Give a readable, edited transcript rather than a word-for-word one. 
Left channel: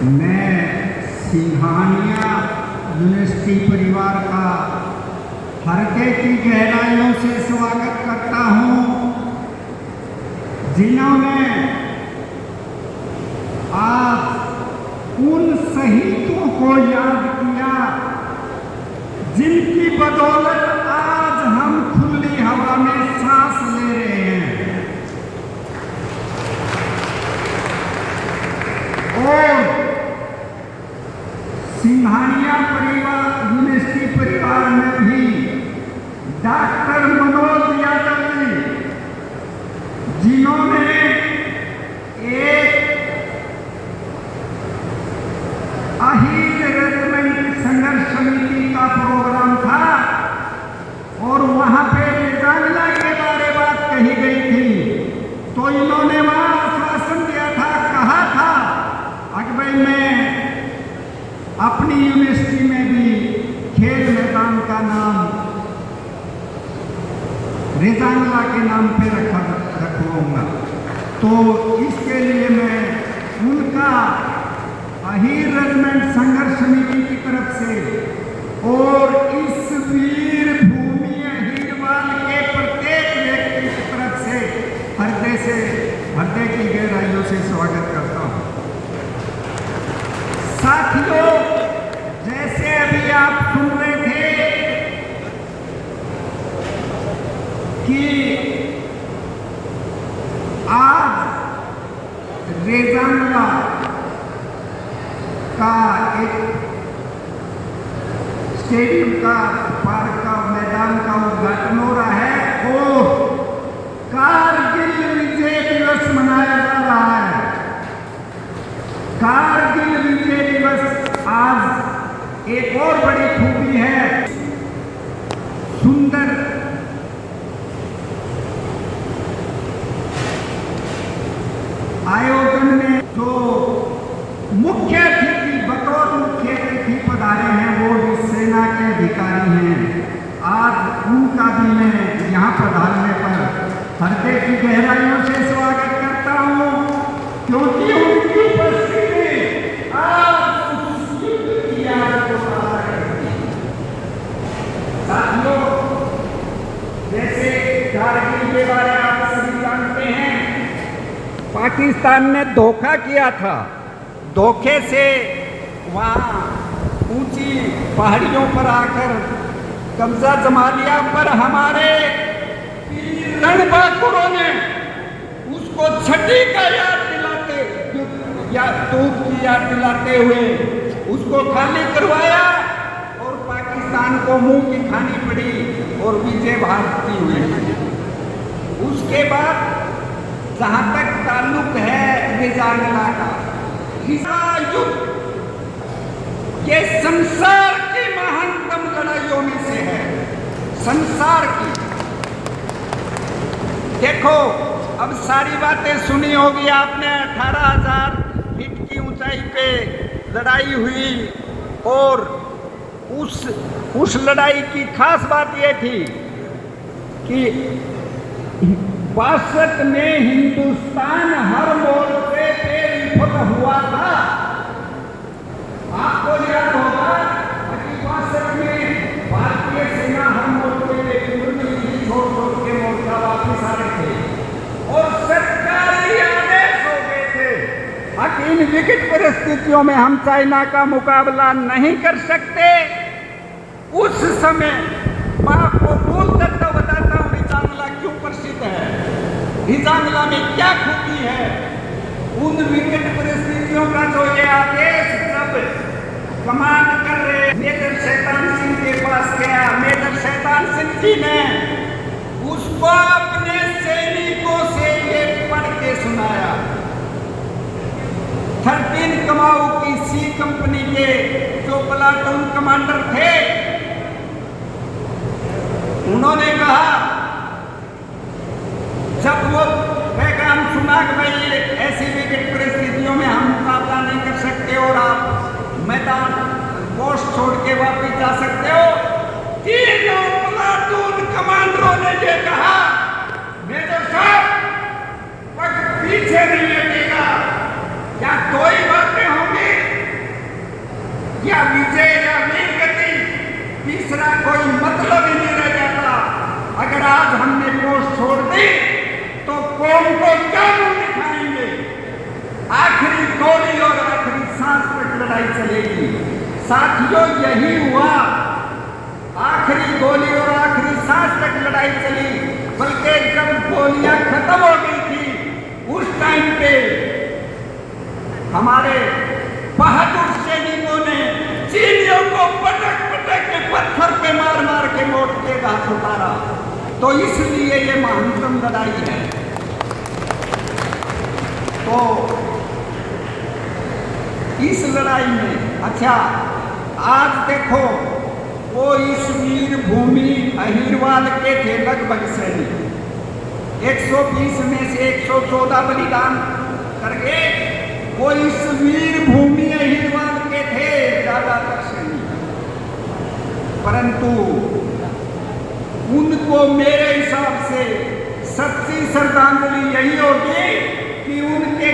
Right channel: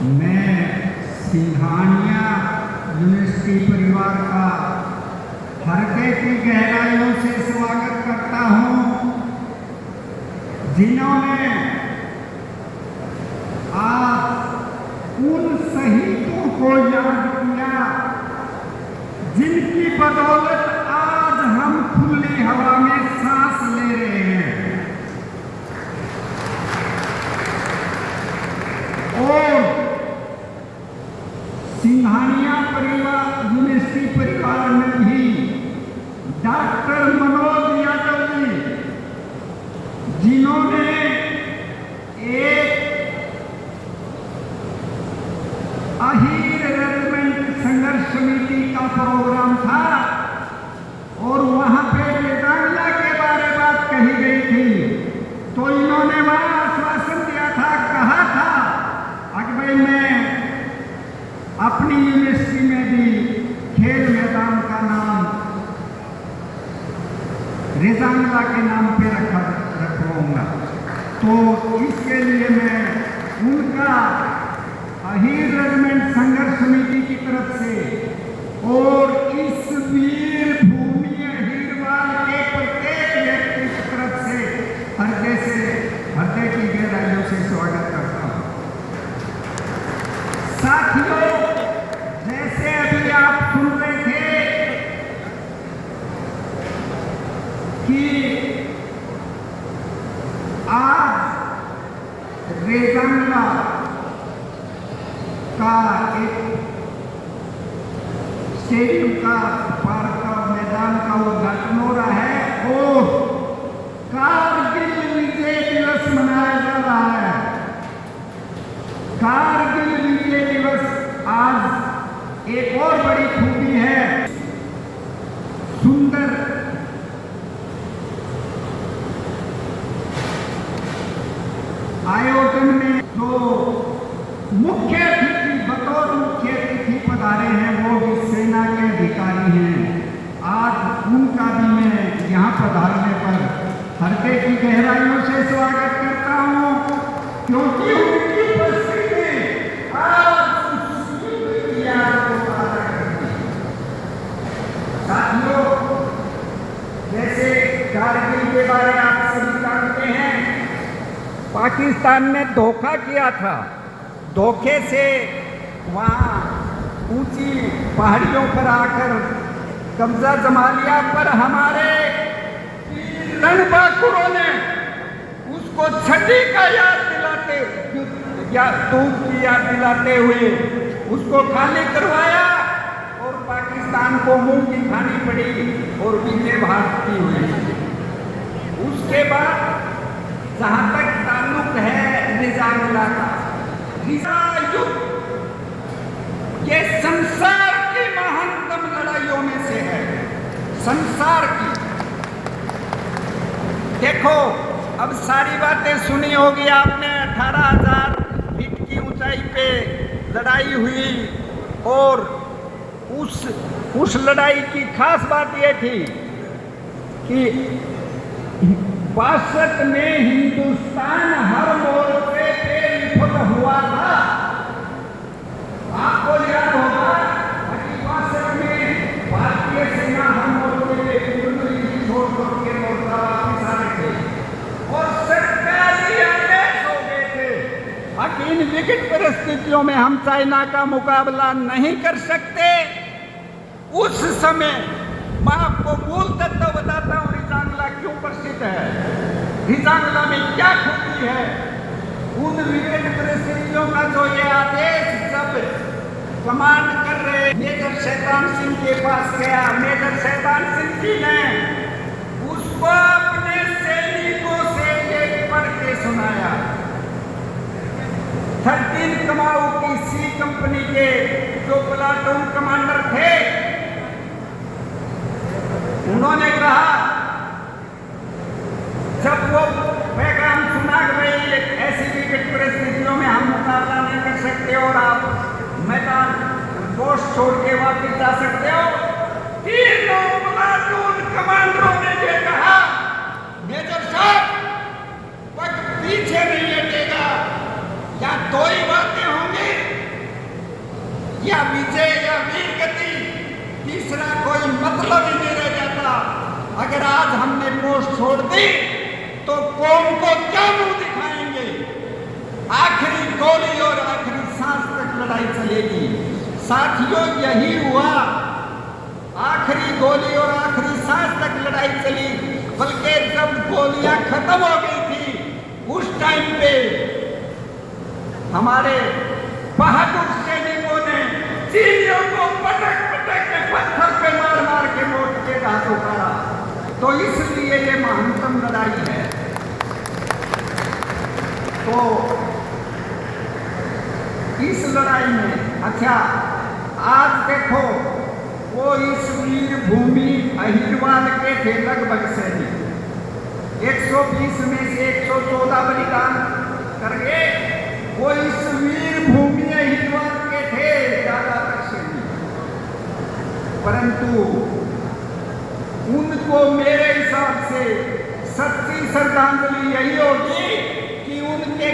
मैं सिंघानिया यूनिवर्सिटी परिवार का हृदय की गहराइयों से स्वागत करता हूं, जिन्होंने आज उन शहीदों को याद किया जिनकी बदौलत आज हम खुली हवा में सांस ले रहे हैं। और सिंघानिया परिवार यूनिवर्सिटी परिवार में भी डॉक्टर मनोज यादव जी, जिन्होंने एक अहिर रेजिमेंट संघर्ष समिति का प्रोग्राम था और वहां पे रेजांगला के बारे में बात कही गई थी, तो इन्होंने वहां आश्वासन दिया था, कहा था कि भाई मैं अपनी यूनिवर्सिटी में भी खेल मैदान का नाम रेजांगला के नाम पे रखवाऊंगा। तो इसके लिए मैं उनका अहिर रेजिमेंट संघर्ष समिति की तरफ से और इस वीर भूमि अहिरवाल के प्रत्येक व्यक्ति की तरफ से हृदय की गहराइयों से स्वागत करता हूं। साथियों, जैसे अभी आप सुन रहे थे कि आज रेजांगला का एक स्टेडियम का पार्क का मैदान का उद्घाटन हो रहा है और कारगिल विजय दिवस मनाया जा रहा है। कारगिल विजय दिवस आज एक और बड़ी खूबी है, सुंदर आयोजन में जो मुख्य अतिथि बतौर मुख्य अतिथि पधारे हैं वो भी सेना के अधिकारी हैं। आज उनका भी मैं यहाँ पधारने पर हृदय की गहराइयों से स्वागत करता हूँ, क्योंकि उनकी उपस्थिति आज उस युद्ध की याद को ताज़ा करती है। साथियों, जैसे कारगिल के बारे में आप सभी जानते हैं, पाकिस्तान ने धोखा किया था। धोखे से वहाँ ऊंची पहाड़ियों पर आकर कब्जा जमा लिया, पर हमारे रणबांकुरों ने उसको छठी का याद दिलाते या तूप की याद दिलाते हुए उसको खाली करवाया और पाकिस्तान को मुंह की खानी पड़ी और विजय भारत की हुई। उसके बाद जहां तक ताल्लुक है रेजांगला का, युद्ध ये संसार की महानतम लड़ाइयों में से है, संसार की। देखो, अब सारी बातें सुनी होगी आपने। 18,000 फीट की ऊंचाई पे लड़ाई हुई और उस लड़ाई की खास बात यह थी कि 62 में हिंदुस्तान हर मोर्चे पे विफल हुआ था। आपको याद होगा कि 62 में भारतीय सेना हर मोर्चे पे छोड़ के मोर्चा वापिस आए थे और सरकारी आदेश हो गए थे कि इन विकट परिस्थितियों में हम चाइना का मुकाबला नहीं कर सकते। उस समय मैं आपको मूल तत्व बताता हूं, रेजांगला क्यों प्रसिद्ध है, रेजांगला में क्या खूबी है। उन विकट परिस्थितियों का जो ये आदेश सब कमांड कर रहे मेजर शैतान सिंह के पास गया। मेजर शैतान सिंह जी ने उसको अपने सैनिकों से ये पढ़ के सुनाया। 13 कमाऊ की सी कंपनी के जो प्लाटून कमांडर थे, उन्होंने कहा, जब वो पैगाम सुना कि भाई ऐसी विकट परिस्थितियों में हम मुकाबला नहीं कर सकते और आप मैदान पोस्ट छोड़ के वापस जा सकते हो, तीनों प्लाटून कमांडरों ने ये कहा, मेजर साहब पग पीछे नहीं हटेगा, या दो ही बातें होंगी, या विजय या वीर गति, तीसरा कोई मतलब ही नहीं रह जाता। अगर आज हमने पोस्ट छोड़ दी तो कौम को क्या मुंह दिखाएंगे? आखिरी गोली और आखिरी सांस तक लड़ाई चलेगी। साथियों, यही हुआ। आखिरी गोली और आखिरी सांस तक लड़ाई चली। बल्कि जब गोलियां खत्म हो गई थी, उस टाइम पे हमारे बहादुर सैनिकों ने चीनियों को पटक पटक के पत्थर पे मार मार के मोर्चे के घाट उतारा। तो इसलिए ये महानतम लड़ाई है। तो इस लड़ाई में अच्छा, आज देखो, वो इस वीर भूमि अहिरवाल के थे लगभग सैनिक, 120 में से 114 बलिदान कर गए। वो इस वीर भूमि अहिरवाल के थे ज्यादातर सैनिक, परंतु उनको मेरे हिसाब से सच्ची श्रद्धांजलि यही होगी कि उनके